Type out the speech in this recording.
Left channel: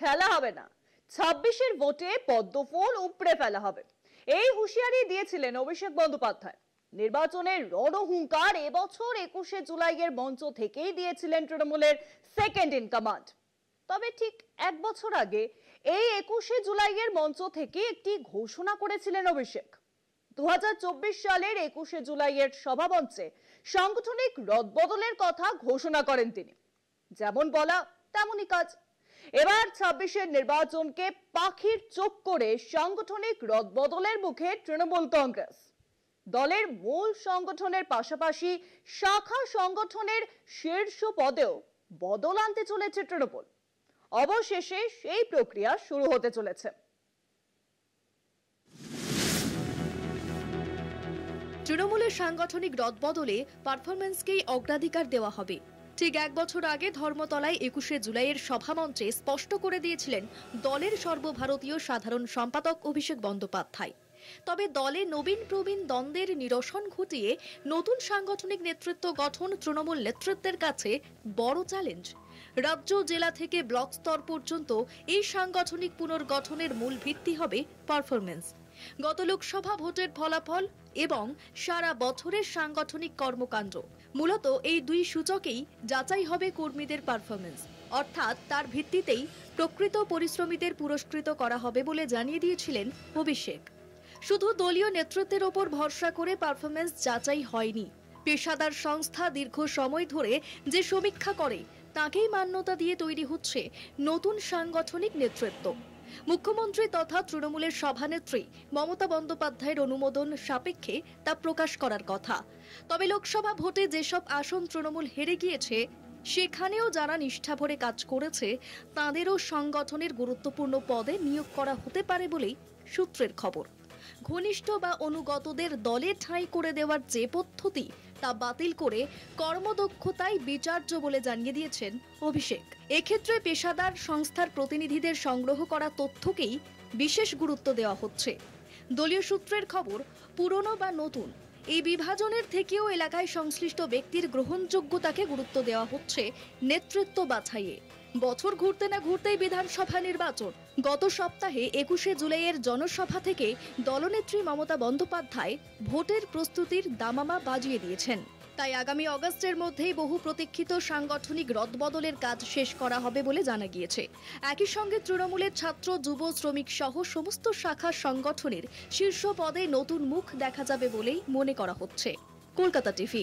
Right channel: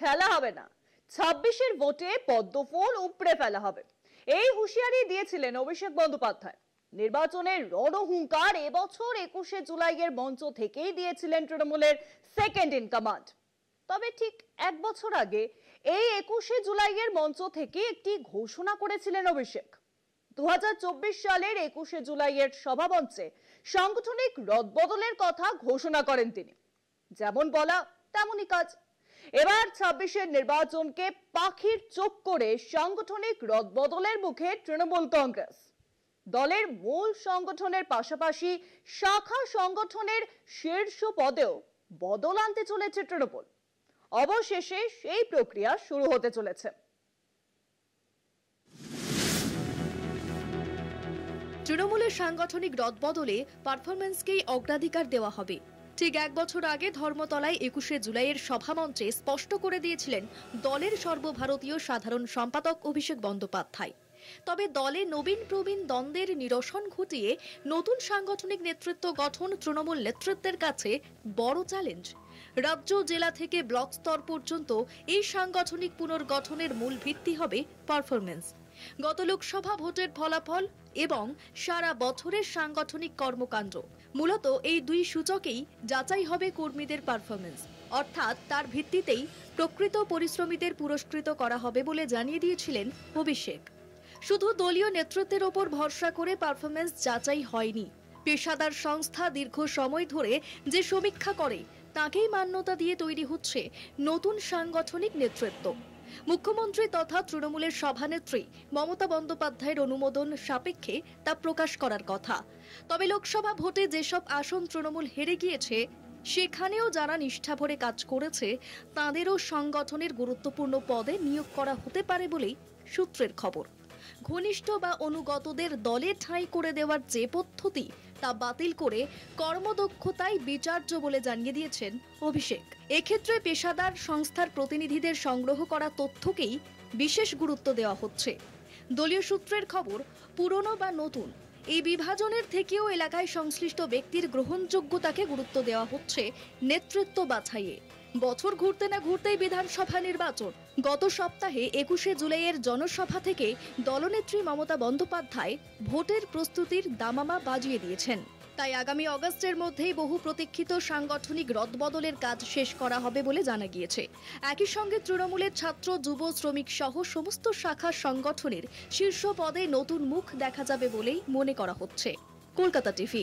খেলা হবে না, 26-এর ভোটে পদ্মফুল উপড়ে ফেলা হবে, এই হুঁশিয়ারি দিয়েছিলেন অভিষেক বন্দ্যোপাধ্যায়। নির্বাচনের রণহুঙ্কার এবছর 21শে জুলাইয়ের মঞ্চ থেকেই দিয়েছিলেন তৃণমূলের সেকেন্ড ইন কমান্ড। তবে ঠিক এক বছর আগে এই 21শে জুলাইয়ের মঞ্চ থেকে একটি ঘোষণা করেছিলেন অভিষেক। 2024 সালের 21শে জুলাইয়ের সভামঞ্চে সাংগঠনিক রদবদলের কথা ঘোষণা করেন তিনি। যেমন বলা তেমনই কাজ। এবার 26-এর নির্বাচনকে পাখির চোখ করে সাংগঠনিক রদবদলের মুখে তৃণমূল কংগ্রেস। দলের মূল সংগঠনের পাশাপাশি শাখা সংগঠনের শীর্ষ পদেও বদল আনতে চলেছে তৃণমূল। অবশেষে সেই প্রক্রিয়া শুরু হতে চলেছে। তৃণমূলের সাংগঠনিক রদবদলে পারফরমেন্সকেই অগ্রাধিকার দেওয়া হবে। ঠিক এক বছর আগে ধর্মতলায় 21শে জুলাইয়ের সভামঞ্চে স্পষ্ট করে দিয়েছিলেন দলের সর্বভারতীয় সাধারণ সম্পাদক অভিষেক বন্দ্যোপাধ্যায়। তবে দলে নবীন প্রবীণ দ্বন্দ্বের নিরসন ঘটিয়ে নতুন সাংগঠনিক নেতৃত্ব গঠন তৃণমূল নেতৃত্বের কাছে বড় চ্যালেঞ্জ। রাজ্য, জেলা থেকে ব্লক স্তর পর্যন্ত এই সাংগঠনিক পুনর্গঠনের মূল ভিত্তি হবে পারফরমেন্স। গত লোকসভা ভোটের ফলাফল এবং সারা বছরের সাংগঠনিক কর্মকাণ্ড, মূলত এই দুই সূচকেই যাচাই হবে কর্মীদের পারফরমেন্স। অর্থাৎ তার ভিত্তিতেই প্রকৃত পরিশ্রমীদের পুরস্কৃত করা হবে বলে জানিয়ে দিয়েছিলেন অভিষেক। শুধু দলীয় নেতৃত্বের ওপর ভরসা করে পারফরমেন্স যাচাই হয়নি। পেশাদার সংস্থা দীর্ঘ সময় ধরে যে সমীক্ষা করে তাকেই মান্যতা দিয়ে তৈরি হচ্ছে নতুন সাংগঠনিক নেতৃত্ব। মুখ্যমন্ত্রী তথা তৃণমূলের সভানেত্রী মমতা বন্দ্যোপাধ্যায়ের অনুমোদন সাপেক্ষে তা প্রকাশ করার কথা। তবে লোকসভা ভোটে যেসব আসন তৃণমূল হেরে গিয়েছে, সেখানেও যারা নিষ্ঠা ভরে কাজ করেছে তাঁদেরও সংগঠনের গুরুত্বপূর্ণ পদে নিয়োগ করা হতে পারে বলেই সূত্রের খবর। ঘনিষ্ঠ বা অনুগতদের দলে ঠাঁই করে দেওয়ার যে পদ্ধতি তা বাতিল করে কর্মদক্ষতাই বিচার্য বলে জানিয়ে দিয়েছেন অভিষেক। এক্ষেত্রে পেশাদার সংস্থার প্রতিনিধিদের সংগ্রহ করা তথ্যকেই বিশেষ গুরুত্ব দেওয়া হচ্ছে। দলীয় সূত্রের খবর, পুরনো বা নতুন এই বিভাজনের থেকেও এলাকায় সংশ্লিষ্ট ব্যক্তির গ্রহণযোগ্যতাকে গুরুত্ব দেওয়া হচ্ছে নেতৃত্ব বাছাইয়ে। বছর ঘুরতে না ঘুরতেই বিধানসভা নির্বাচন। গত সপ্তাহে 21শে জুলাইয়ের জনসভা থেকে দলনেত্রী মমতা বন্দ্যোপাধ্যায় ভোটের প্রস্তুতির দামামা বাজিয়ে দিয়েছেন। তাই আগামী অগস্টের মধ্যেই বহু প্রতীক্ষিত সাংগঠনিক রদবদলের কাজ শেষ করা হবে বলে জানা গিয়েছে। একই সঙ্গে তৃণমূলের ছাত্র, যুব, শ্রমিক সহ সমস্ত শাখা সংগঠনের শীর্ষ পদে নতুন মুখ দেখা যাবে বলেই মনে করা হচ্ছে। কলকাতা টিভি।